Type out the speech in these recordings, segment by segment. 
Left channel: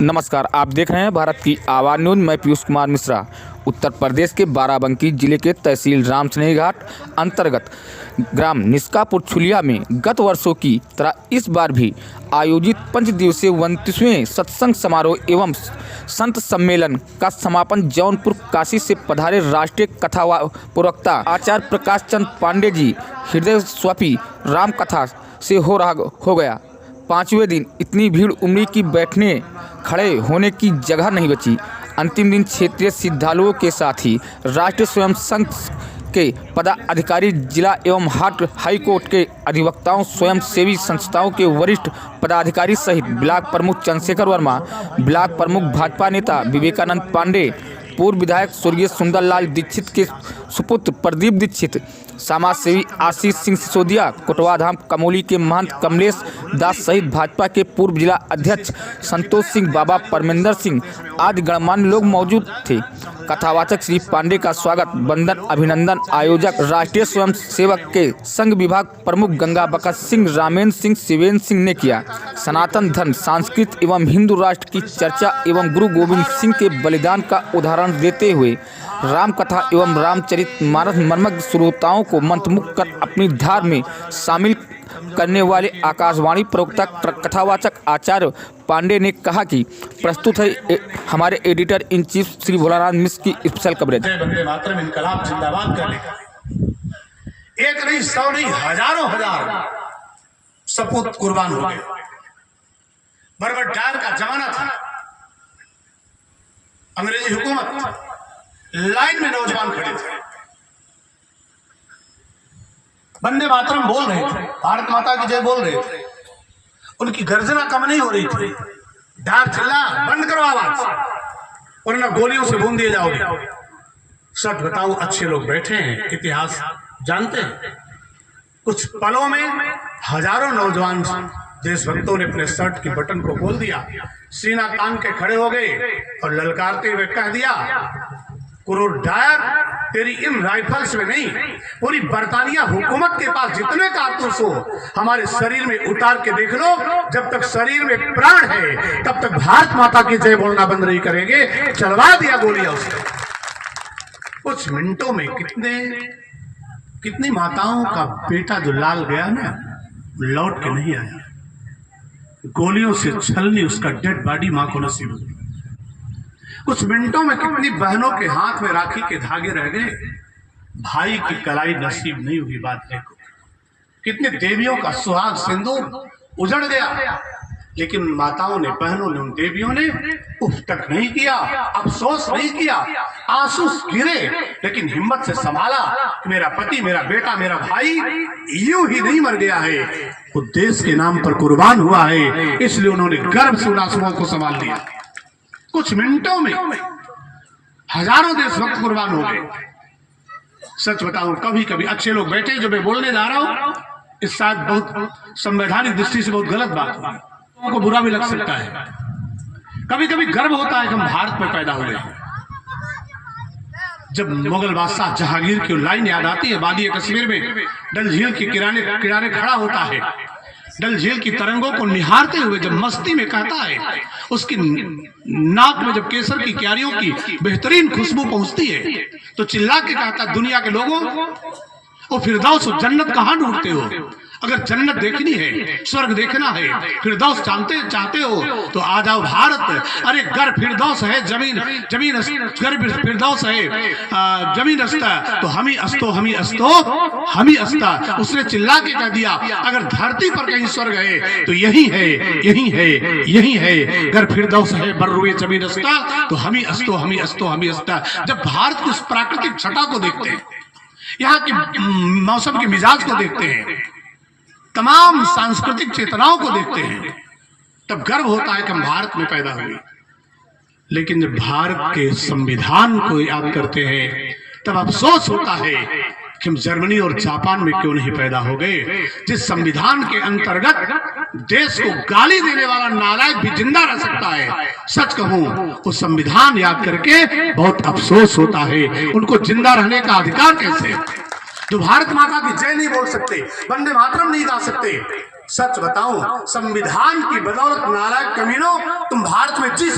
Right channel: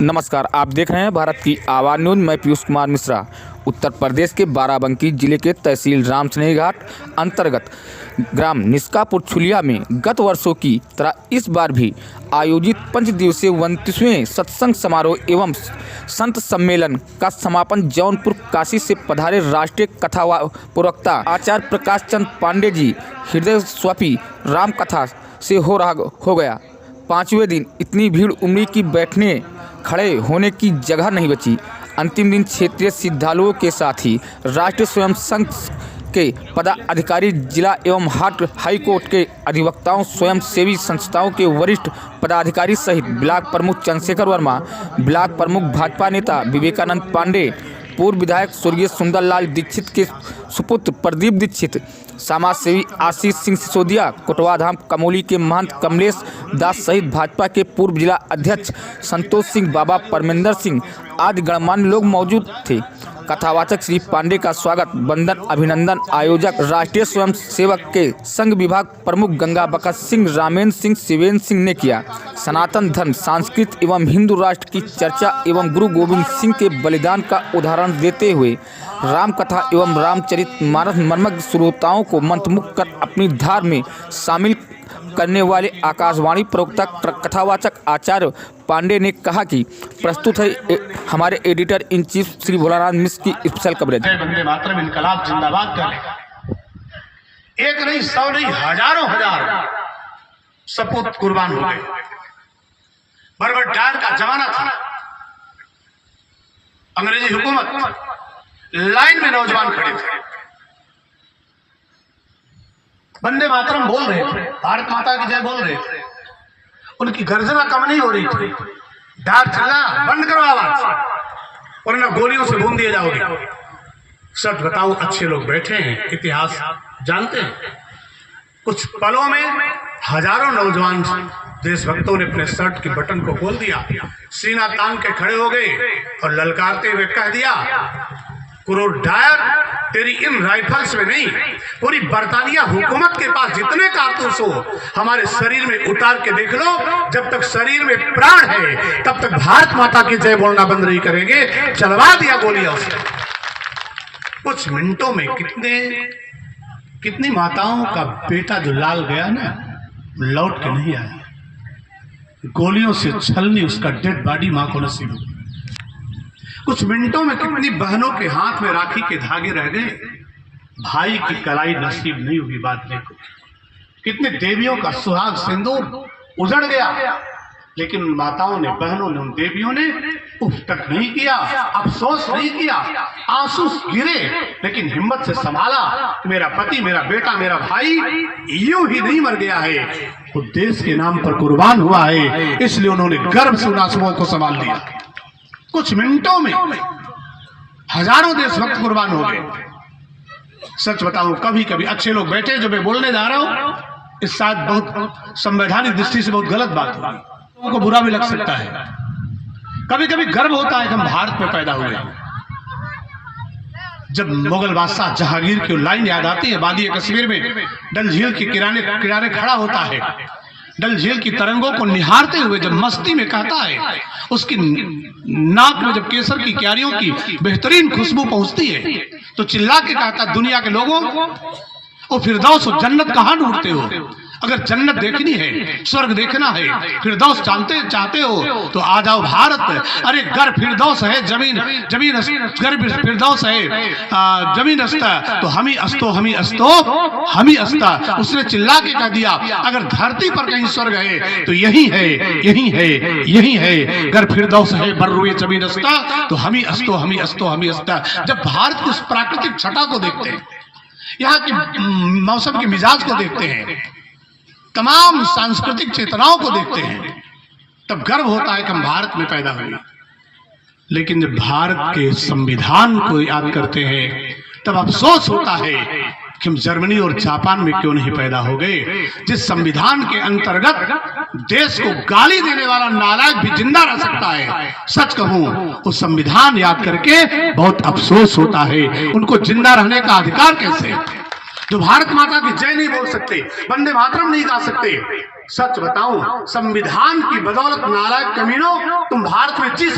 नमस्कार, आप देख रहे हैं भारत की आवाज़ न्यूज़। मैं पीयूष कुमार मिश्रा। उत्तर प्रदेश के बाराबंकी जिले के तहसील रामसनेही घाट अंतर्गत ग्राम निष्कापुर छुलिया में गत वर्षों की तरह इस बार भी आयोजित 5 दिवसीय 29वें सत्संग समारोह एवं संत सम्मेलन का समापन जौनपुर काशी से पधारे राष्ट्रीय कथा प्रवक्ता आचार्य प्रकाश चंद पांडे जी हृदय स्वापी राम कथा से हो गया। 5वें दिन इतनी भीड़ उमड़ी कि बैठने खड़े होने की जगह नहीं बची। अंतिम दिन क्षेत्रीय श्रद्धालुओं के साथ ही राष्ट्रीय स्वयं संघ के पदाधिकारी, जिला एवं हाई कोर्ट के अधिवक्ताओं, स्वयं सेवी संस्थाओं के वरिष्ठ पदाधिकारी सहित ब्लॉक प्रमुख चंद्रशेखर वर्मा, ब्लॉक प्रमुख भाजपा नेता विवेकानंद पांडे, पूर्व विधायक स्वर्गीय सुंदरलाल दीक्षित के सुपुत्र प्रदीप दीक्षित, समाज सेवी आशीष सिंह सिसोदिया, कोटवाधाम कमोली के महंत कमलेश दास सहित भाजपा के पूर्व जिला अध्यक्ष संतोष सिंह, बाबा परमेंद्र सिंह आदि गणमान्य लोग मौजूद थे। कथावाचक श्री पांडे का स्वागत, वंदन, अभिनंदन आयोजक राष्ट्रीय स्वयं सेवक के संघ विभाग प्रमुख गंगा बकत सिंह, रामेंद्र सिंह, शिवेंद्र सिंह ने किया। सनातन धर्म, संस्कृत एवं हिंदू राष्ट्र की चर्चा एवं गुरु गोविंद सिंह के बलिदान का उदाहरण देते हुए राम कथा एवं रामचरितमानस मर्मज्ञ श्रोताओं को मंत्रमुग्ध कर अपनी धार में शामिल करने वाले आकाशवाणी प्रवक्ता कथावाचक आचार्य पांडे ने कहा कि प्रस्तुत है हमारे editor in chief Shri Bholanath Mishra की स्पेशल कवरेज। वंदे मातरम, इनकलाब जिंदाबाद करने एक नहीं, 100 नहीं, हजारों हजार सपूत कुर्बान हो गए। बर्बर डायर का जमाना था, अंग्रेजी हुकूमत, लाइन में नौजवान खड़े थे, वंदे मातरम बोल रहे थे, भारत माता की जय बोल रहे थे। उनकी गर्जना कम नहीं हो रही थी। डायर चला, बंद करो आवाज वरना गोलियों से भून दिए जाओगे। सच बताओ, अच्छे लोग बैठे हैं, इतिहास जानते हैं। कुछ पलों में हजारों नौजवान देशभक्तों ने अपने शर्ट की बटन को खोल दिया, सीना तान के खड़े हो गए और ललकारते हुए कह दिया, कुरो डायर, तेरी इन राइफल्स में नहीं, पूरी बरतानिया हुकूमत के पास जितने कारतूस हो हमारे शरीर में उतार के देख लो। जब तक शरीर में प्राण है तब तक भारत माता की जय बोलना बंद नहीं करेंगे। चलवा दिया गोलियां उसको। कुछ मिनटों में कितनी माताओं का बेटा जो लाल गया ना, लौट के नहीं आया। गोलियों से छलनी उसका डेड बॉडी मां को नसीब हुई। कुछ मिनटों में कितनी बहनों के हाथ में राखी के धागे रह गए, भाई की कलाई नसीब नहीं हुई बांधने को। कितने देवियों का सुहाग सिंदूर उजड़ गया, लेकिन उन माताओं ने, बहनों ने, उन देवियों ने उफ तक नहीं किया, अफसोस नहीं किया, आंसू गिरे, लेकिन हिम्मत से संभाला कि मेरा पति, मेरा बेटा, मेरा भाई यूं ही नहीं मर गया है, वो देश के नाम पर कुर्बान हुआ है। इसलिए उन्होंने गर्व से उन आंसुओं को संभाल लिया। कुछ मिनटों में हजारों देशभक्त कुर्बान हो गए। सच बताऊं, कभी कभी अच्छे लोग बैठे, जो मैं बोलने जा रहा हूं, इस शायद बहुत संवैधानिक दृष्टि से बहुत गलत बात है, लोगों को बुरा भी लग सकता है। कभी कभी गर्व होता है कि हम भारत में पैदा हुए। जब मुगल बादशाह जहांगीर की लाइन याद आती है, वादी कश्मीर में डल झील के किनारे खड़ा होता है, डल झील की तरंगों को निहारते हुए जब मस्ती में कहता है, उसकी नाक में जब केसर की क्यारियों की बेहतरीन खुशबू पहुंचती है, तो चिल्ला के कहता, दुनिया के लोगों, और फिरदौस और जन्नत कहां ढूंढते हो? अगर जन्नत देखनी है, स्वर्ग देखना है, फिरदौस चाहते हो तो आ जाओ भारत। अरे घर फिरदौस है, जमीन घर फिरदौस है, जमीन अस्ता तो हम ही अस्ता। उसने चिल्ला के कह दिया, अगर धरती पर कहीं स्वर्ग है तो यही है। घर फिरदौस है, बर्रुए जमीन अस्ता तो हम ही अस्ता। जब भारत की उस प्राकृतिक छटा को देखते हैं, यहाँ के मौसम के मिजाज को देखते हैं, तमाम सांस्कृतिक चेतनाओं को देखते हैं, तब गर्व होता है कि हम भारत में पैदा हुए। लेकिन जब भारत के संविधान को याद करते हैं, तब अफसोस होता है कि हम जर्मनी और जापान में क्यों नहीं पैदा हो गए, जिस संविधान के अंतर्गत देश को गाली देने वाला नालायक भी जिंदा रह सकता है। सच कहूं, उस संविधान याद करके बहुत अफसोस होता है। उनको जिंदा रहने का अधिकार कैसे? जो भारत माता की जय नहीं बोल सकते, वंदे मातरम नहीं गा सकते, सच बताऊं, संविधान की बदौलत नालायक कमीनों तुम भारत में जी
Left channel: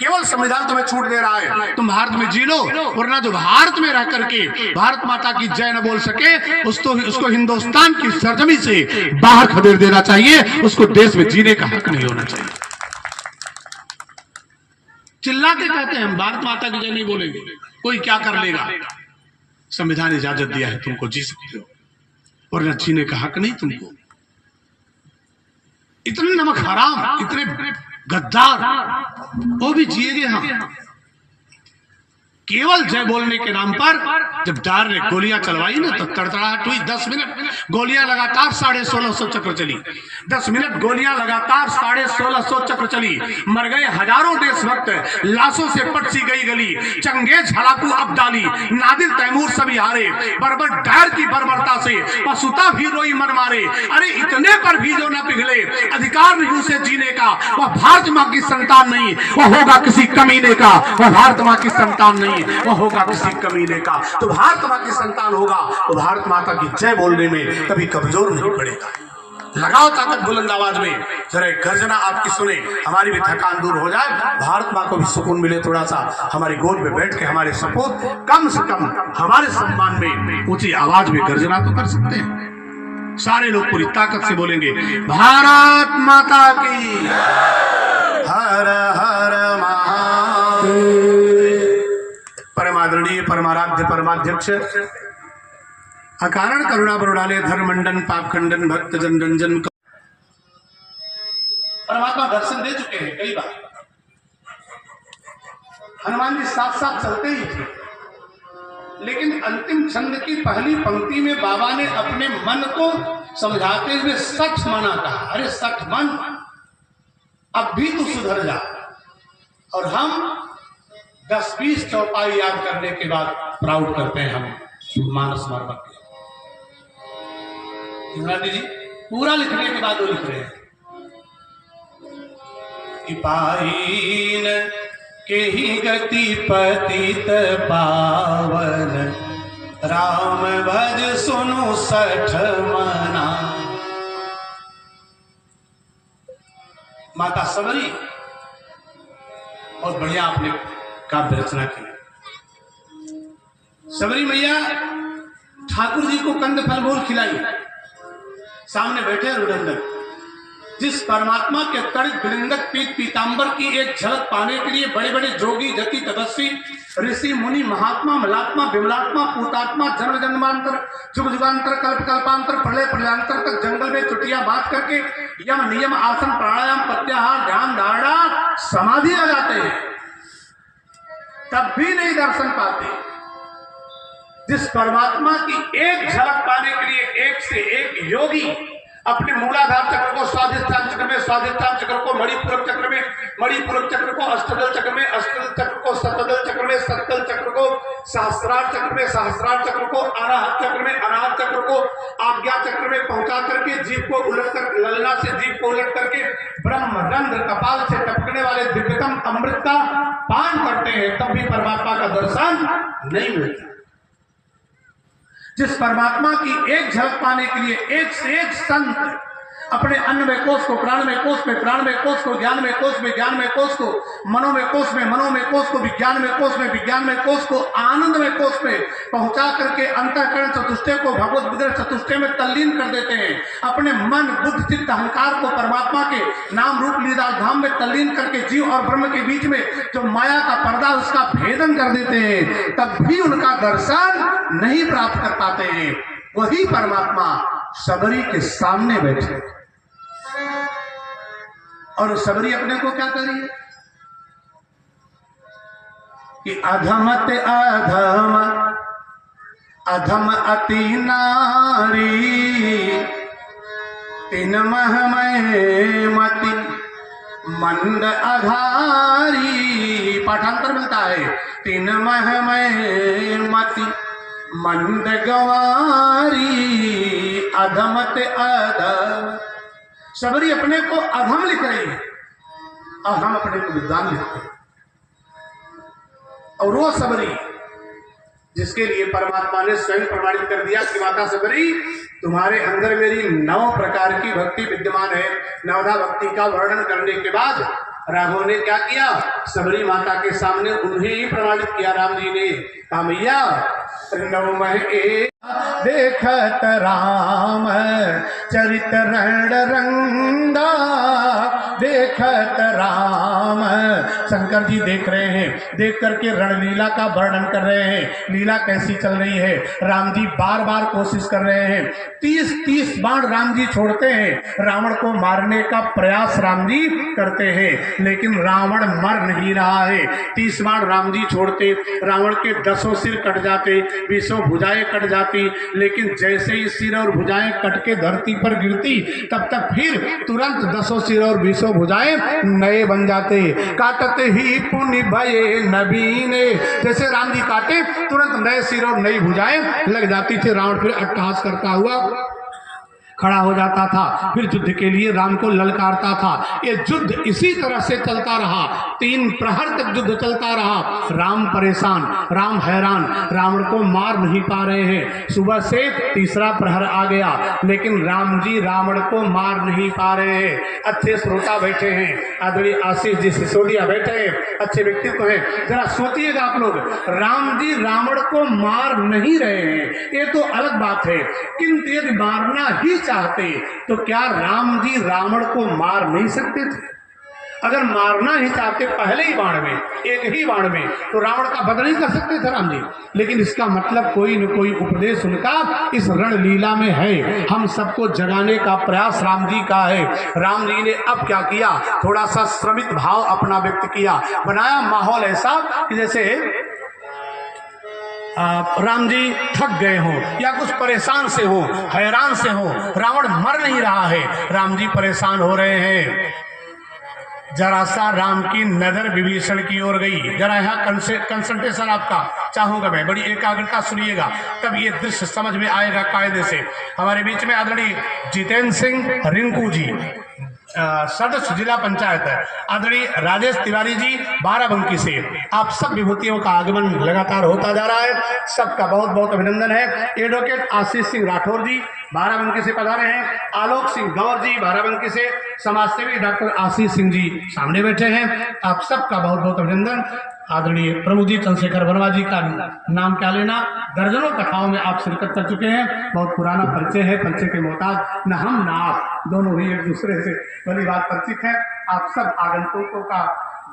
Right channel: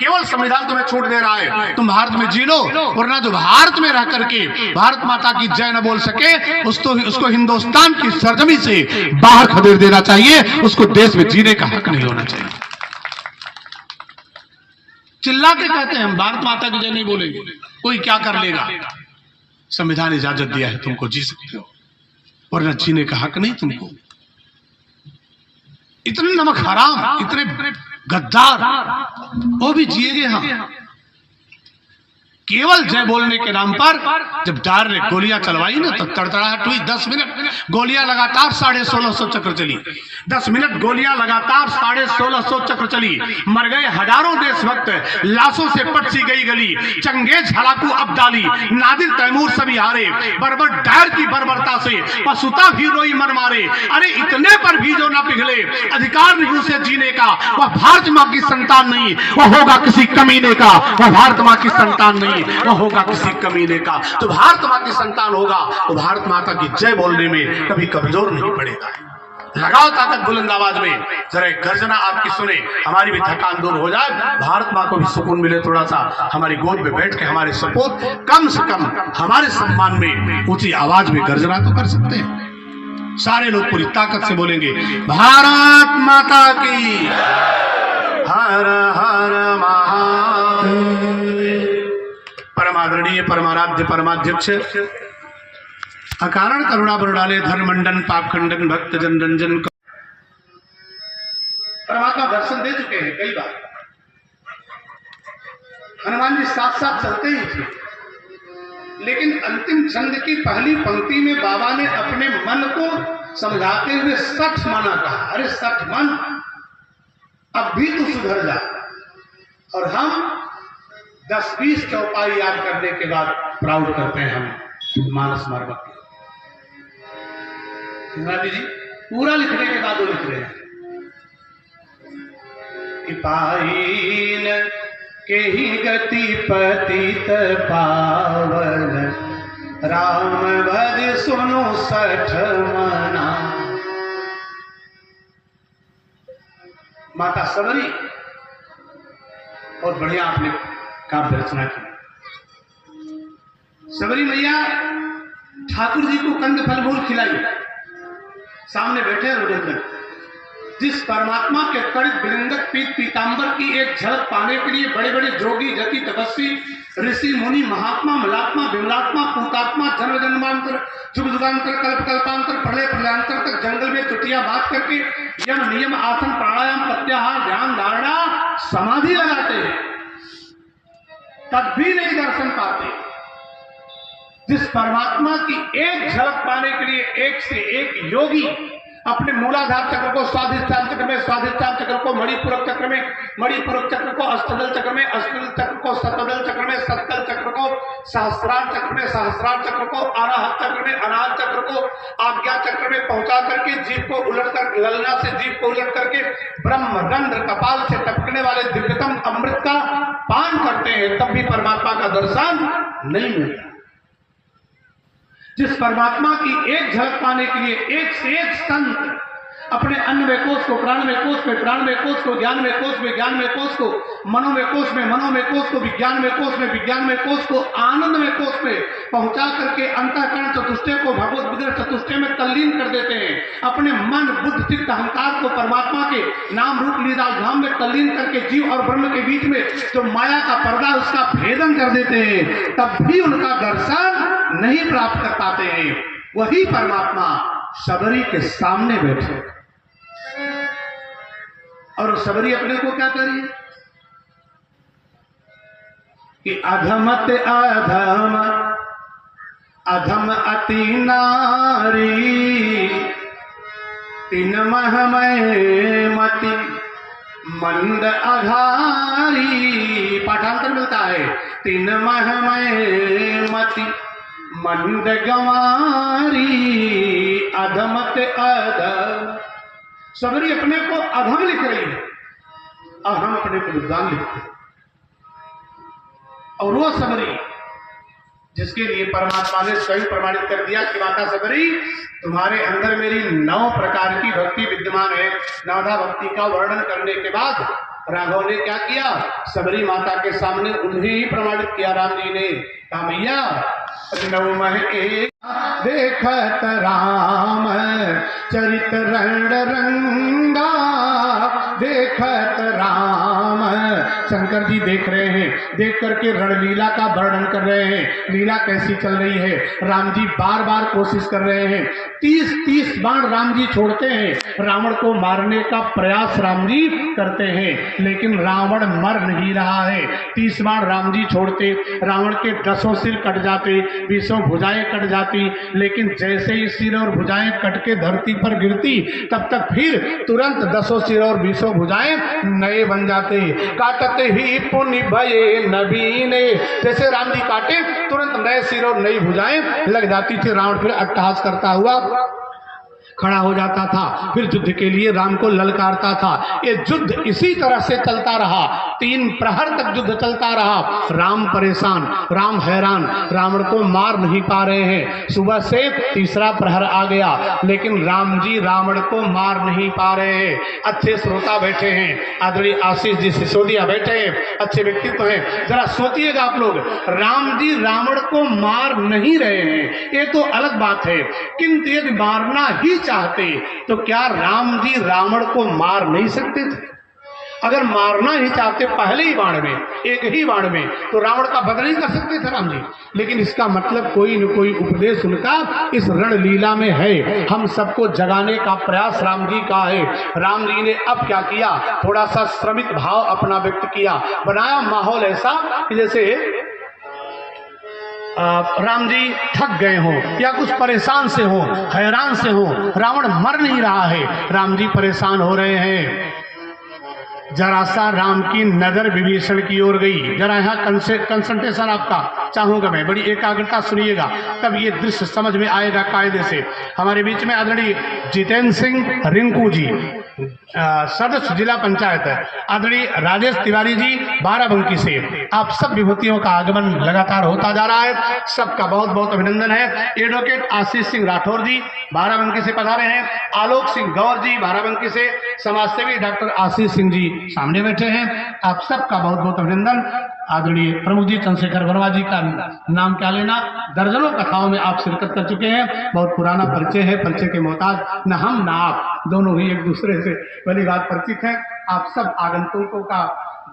केवल संविधान तुम्हें छूट दे रहा है, तुम भारत में जी लो, वरना जो भारत में रह करके भारत माता की जय न बोल सके उसको हिंदुस्तान की सरजमी से बाहर खदेड़ देना चाहिए, उसको देश में जीने का हक नहीं होना चाहिए। चिल्ला के कहते हैं हम भारत माता की जय नहीं बोलेंगे, कोई क्या कर लेगा। संविधान इजाजत दिया है, तुमको जी सकते हो, वरना जीने का हक नहीं तुमको। इतने नमक हराम, इतने गद्दार, वो भी जिएंगे हम। केवल जय बोलने के नाम पर जब डार ने गोलियां चलवाई ना तो तड़तड़ाहट हुई। 10 मिनट गोलियां लगातार 1650 चक्र चली, 10 मिनट गोलियां लगातार 1650 चक्र चली। मर गए हजारों देशभक्त, लाशों से पटसी गई गली। चंगेज हलाकू अब्दाली, नादिर तैमूर सभी हारे, बर्बर डायर की बर्बरता से पशुता भी रोई मन मारे। अरे इतने पर भी जो न पिघले अधिकार नहीं उसे जीने का, वह भारत माँ की संतान नहीं, वह होगा किसी कमीने का। वह भारत माँ की संतान नहीं, वह होगा किसी कमीने का। तो भारत माँ की संतान होगा तो भारत माता की जय बोलने में कभी कमजोर नहीं पड़ेगा। लगाओ ताकत बुलंद आवाज में, जरा एक गर्जना आपकी सुने, हमारी भी थकान दूर हो जाए, भारत माँ को भी सुकून मिले। थोड़ा सा हमारी गोद में बैठ के हमारे सपूत कम से कम हमारे सम्मान में ऊंची आवाज में गर्जना तो कर सकते हैं। सारे लोग पूरी ताकत से बोलेंगे, भारत माता की हर हर महादेव। परमादरणीय परमाराध्य परमाध्यक्ष अकारण करुणा बरुड़ालय धर्ममंडन पाप खंडन भक्त जन रंजन परमात्मा दर्शन दे चुके हैं कई बार। हनुमान जी साथ साथ चलते ही थे, लेकिन अंतिम छंद की पहली पंक्ति में बाबा ने अपने मन को समझाते हुए सच माना कहा, अरे सच मन, अब भी तू सुधर जा। और हम 10-20 चौपाई याद करने के बाद प्राउड करते हैं हम मानस मर्मक के। जी पूरा लिखने के बाद वो लिख रहे हैं, पाइन के ही गति पतित पावन, राम भज सुनो सठ मना। माता सबरी बहुत बढ़िया आपने काव्य रचना की। सबरी मैया ठाकुर जी को कंद फल फूल खिलाई, सामने बैठे रुदंगन। जिस परमात्मा के तड़ित विलिंगक पीत पीतांबर की एक झलक पाने के लिए बड़े बड़े जोगी जति तपस्वी ऋषि मुनि महात्मा मलात्मा विमलात्मा पूतात्मा जन्म जन्मांतर जुग जुगांतर कल्प कल्पांतर प्रलय प्रलयांतर तक जंगल में चुटिया बात करके यम नियम आसन प्राणायाम प्रत्याहार ध्यान धारणा समाधि लगाते हैं, तब भी नहीं दर्शन पाते। जिस परमात्मा की एक झलक पाने के लिए एक से एक योगी अपने मूलाधार चक्र को स्वाधिष्ठान चक्र में, स्वाधिष्ठान चक्र को मणिपुरक चक्र में, मणिपुरक चक्र को अष्टदल चक्र में, अष्टदल चक्र को सप्तदल चक्र में, सप्तदल चक्र को सहस्रार चक्र में, सहस्रार चक्र को अनाहत चक्र में, अनाहत चक्र को आज्ञा चक्र में पहुंचा करके जीव को उलट कर, ललना से जीव को उलट करके ब्रह्म रंध्र कपाल से टपकने वाले दिव्यतम अमृत का पान करते हैं, तब भी परमात्मा का दर्शन नहीं मिलता। जिस परमात्मा की एक झलक पाने के लिए एक से एक संत अपने अन्नमय कोश को प्राणमय कोश में, प्राणमय कोश को ज्ञानमय कोश में, ज्ञानमय कोश को मनोमय कोश में, मनोमय कोश को विज्ञानमय कोश में, विज्ञानमय कोश को आनंदमय कोश में पहुंचा करके अंतःकरण चतुष्टय को भगवत विग्रह चतुष्टय में तल्लीन कर देते हैं। अपने मन बुद्ध चित्त अहंकार को परमात्मा के नाम रूप लीला धाम में तल्लीन करके जीव और ब्रह्म के बीच में जो माया का पर्दा उसका भेदन कर देते हैं, तब भी उनका दर्शन नहीं प्राप्त कर पाते हैं। वही परमात्मा सबरी के सामने बैठे और सबरी अपने को क्या करिए कि अधमत अधम अधम अति नारी तीन महमय मति मंद अघारी। पाठांतर मिलता है, तीन महमय मति मंद गंवारी अधमत अधम। सबरी अपने को अधम लिख रही है और हम अपने को विद्वान लिखते हैं। और वो सबरी जिसके लिए परमात्मा ने स्वयं प्रमाणित कर दिया कि माता सबरी तुम्हारे अंदर मेरी 9 प्रकार की भक्ति विद्यमान है। नवधा भक्ति का वर्णन करने के बाद राघव ने क्या किया, सबरी माता के सामने उन्हें ही प्रमाणित किया। राम जी ने कहा मैया देखत राम चरित रण रंगा, देखत राम। शंकर जी देख रहे हैं, देख करके रणलीला का वर्णन कर रहे हैं, लीला कैसी चल रही है। राम जी बार बार कोशिश कर रहे हैं, 30 बाण राम जी छोड़ते हैं, रावण को मारने का प्रयास राम जी करते हैं, लेकिन रावण मर नहीं रहा है। 30 बाण राम जी छोड़ते, रावण के 10 सिर कट जाते, 20 भुजाएं कट जाती, लेकिन जैसे ही सिर और भुजाएं कट के धरती पर गिरती, तब तक फिर तुरंत 10 सिर और 20 भुजाएं नए बन जाते। काटते ही पुण्य भये नबीने, जैसे राम जी काटे तुरंत नए सिर और नई भुजाएं लग जाती थी। रावण फिर अट्टहास करता हुआ खड़ा हो जाता था, फिर युद्ध के लिए राम को ललकारता था। ये युद्ध इसी तरह से चलता रहा, 3 प्रहर तक युद्ध चलता रहा। राम परेशान, राम हैरान, रावण को मार नहीं पा रहे हैं। सुबह से तीसरा प्रहर आ गया, लेकिन राम जी रावण को मार नहीं पा रहे हैं। अच्छे श्रोता बैठे हैं, आदरणीय आशीष जी सिसोदिया बैठे हैं, अच्छे व्यक्तित्व हैं। जरा सोचिएगा आप लोग, राम जी रावण को मार नहीं रहे हैं, ये तो अलग बात है, किंतु यदि मारना ही चाहते तो क्या राम जी रावण को मार नहीं सकते थे? अगर मारना ही चाहते पहले ही बाण में, एक ही बाण में, तो रावण का वध नहीं कर सकते थे राम जी। लेकिन इसका मतलब कोई न कोई उपदेश उनका इस रणलीला में है, हम सबको जगाने का प्रयास राम जी का है। राम जी ने अब क्या किया, थोड़ा सा श्रमित भाव अपना व्यक्त किया, बनाया माहौल ऐसा कि जैसे राम जी थक गए हो या कुछ परेशान से हो, हैरान से हो, रावण मर नहीं रहा है, राम जी परेशान हो रहे हैं। जरा सा राम की नजर विभीषण की ओर गई। जरा यहाँ कंसंट्रेशन आपका चाहूंगा मैं, बड़ी एकाग्रता सुनिएगा, तब ये दृश्य समझ में आएगा कायदे से। हमारे बीच में आदरणीय जितेंद्र सिंह रिंकू जी, सदस्य जिला पंचायत है, आदरणीय राजेश तिवारी जी बाराबंकी से, आप सब विभूतियों का आगमन लगातार होता जा रहा है, सबका बहुत बहुत अभिनंदन है। एडवोकेट आशीष सिंह राठौर जी बाराबंकी से पधारे हैं, आलोक सिंह गौर जी बाराबंकी से, समाजसेवी डॉक्टर आशीष सिंह जी सामने बैठे हैं, आप सबका बहुत बहुत अभिनंदन। आदरणीय प्रमुख जी चंद्रशेखर वर्मा जी का नाम क्या लेना, दर्जनों कथाओं में आप शिरकत कर चुके हैं, बहुत पुराना परिचय है, परिचय के मोहताज न हम न आप, दोनों ही एक दूसरे से भली बात परिचित हैं। आप सब आगंतुकों का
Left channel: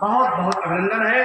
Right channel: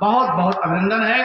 बहुत बहुत अभिनंदन है।